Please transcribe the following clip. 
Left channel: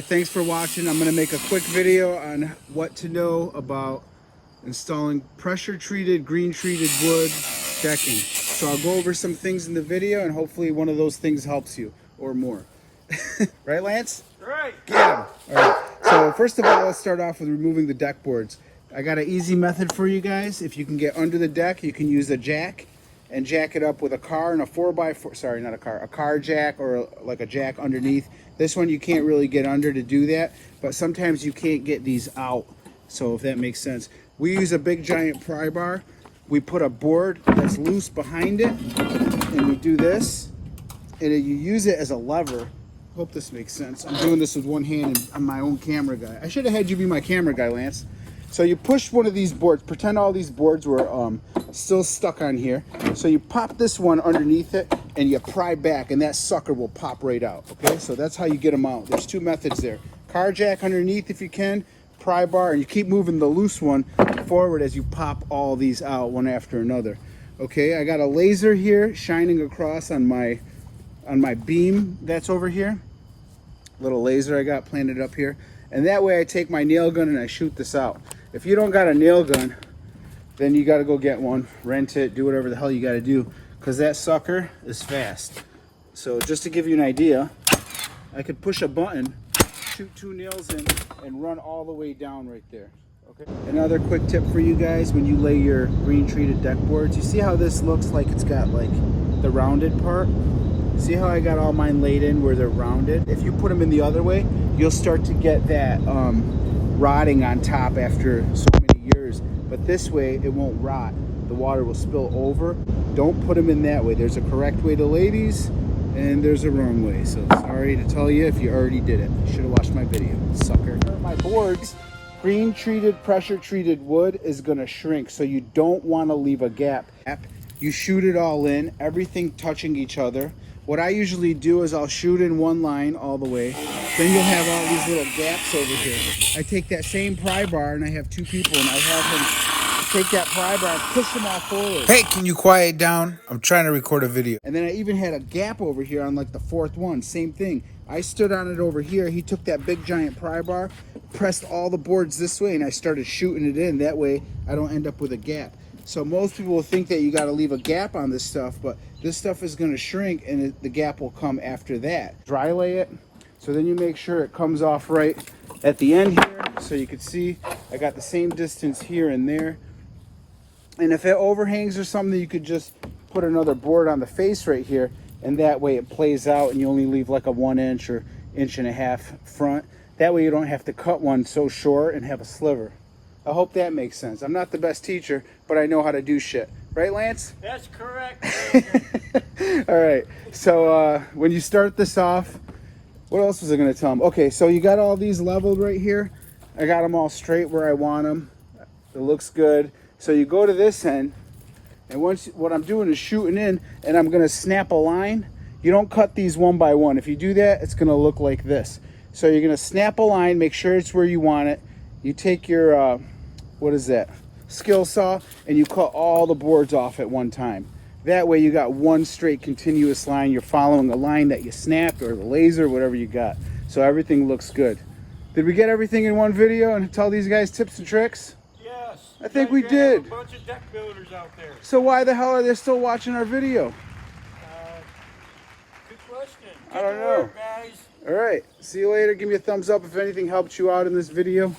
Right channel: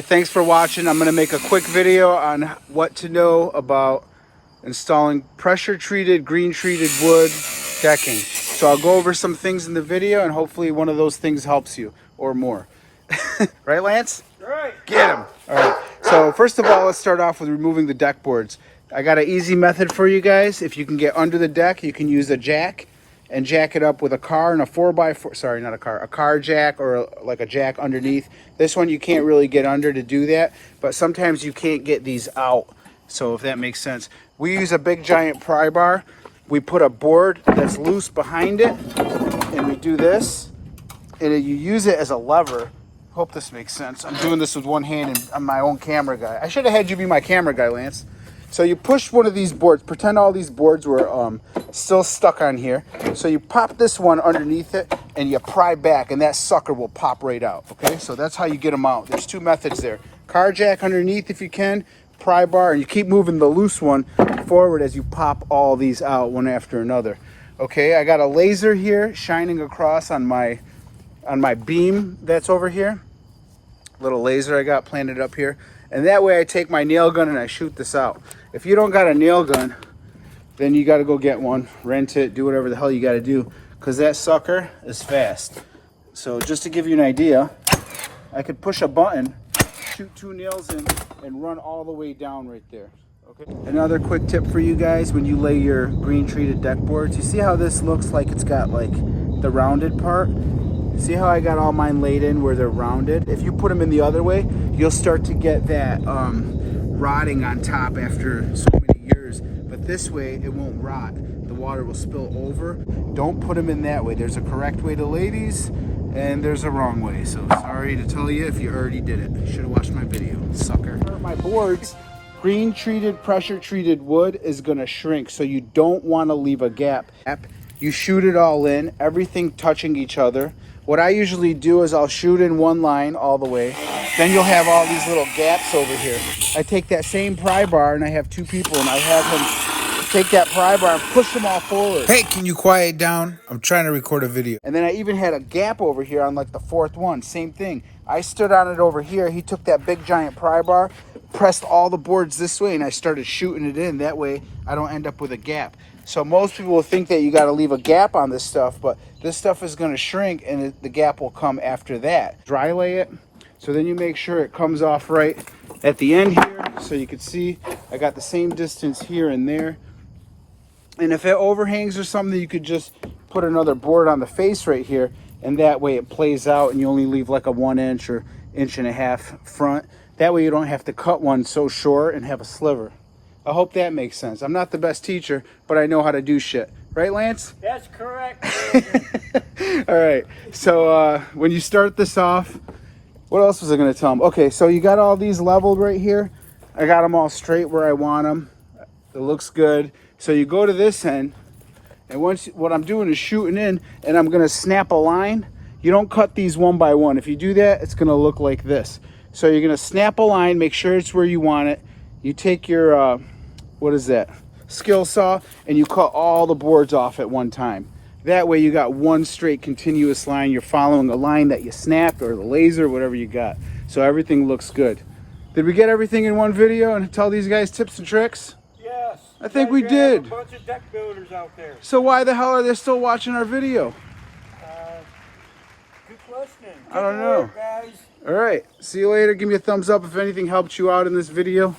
right, thanks for watching. I'm gonna make a quick video on what to know about installing pressure treated, green treated wood decking. So I'll go over some things in the video and hopefully one of those things helps you or more. Right, Lance? Right. Get him. All right, so first of all, let's start off with removing the deck boards. I got an easy method for you guys. If you can get under the deck, you can use a jack and jack it up with a car and a 4x4, sorry, not a car jack or like a jack underneath. This one you can't really get under to do that, but sometimes you can't get these out. So if that makes sense. We use a big giant pry bar. We put a board that's loose behind it and we do this and you use it as a lever. Hope this makes sense. I'm doing this with one hand and I'm my own camera guy. I should have had you be my camera guy, Lance. So you push one of these boards, pretend all these boards were still stuck on here. So you pop this one underneath it and you pry back and that sucker will pop right out. Okay, so that's how you get them out. There's two methods there. Car jack underneath if you can, pry bar, and you keep moving the loose one forward as you pop all these out one after another. Okay, I got a laser here shining across on my beam that's over here. Little laser I got planted up here. And that way I take my nail gun and I shoot this out. If you don't got a nail gun, then you gotta go get one, rent it, do whatever the hell you gotta do, because that sucker is fast. So just to give you an idea, I could push a button, shoot two nails in, and run all the way down right there. Okay. Another quick tip for you guys, when you lay your green treated deck boards, you see how this looks like it's got like the rounded part? See how I got all mine laid in where they're rounded? If you put them in the other way, you'll start to get that rotting on top after so many years. But this way, it won't rot. The water will spill over. Don't put them in that way. There's a correct way to lay these, and there's a wrong way. So sorry to tell you if you already did it. You should have watched my video, sucker. My boards, green treated, pressure treated wood is gonna shrink, so you don't wanna leave a gap. You shoot it all in, everything touching each other. What I usually do is I'll shoot in one line all the way. Then you'll have all these little gaps over here. I take that same pry bar and I have two people and I have them take that pry bar and push them all forward. Hey, can you quiet down? I'm trying to record a video. And then I even had a gap over here on like the fourth one. Same thing. I stood on it over here. He took that big giant pry bar, pressed all the boards this way, and I started shooting it in. That way I don't end up with a gap. So most people will think that you got to leave a gap on this stuff, but this stuff is going to shrink and the gap will come after that. Dry lay it, so then you make sure it comes off right at the end here. So you can see I got the same distance here and there. And if it overhangs or something, you could just put another board on the face right here, and that way it plays out and you only leave like a 1 inch or 1.5 inch front. That way you don't have to cut one so short and have a sliver. I hope that makes sense. I'm not the best teacher, but I know how to do shit. Right, Lance? That's correct. All right, so when you start this off, what else was I gonna tell them? Okay, so you got all these leveled right here. I got them all straight where I want them. It looks good. So you go to this end, and what I'm doing is shooting in, and I'm gonna snap a line. You don't cut these one by one. If you do that, it's gonna look like this. So you're gonna snap a line, make sure it's where you want it. You take your, what is that? Skill saw, and you cut all the boards off at one time. That way you got one straight continuous line. You're following the line that you snapped or the laser, whatever you got. So everything looks good. Did we get everything in one video and tell these guys tips and tricks? Yes. I think we did. Have a bunch of deck builders out there. So why the hell are they still watching our video? Good question. I don't Good know. work, guys. All right, see you later. Give me a thumbs up if anything helped you out in this video.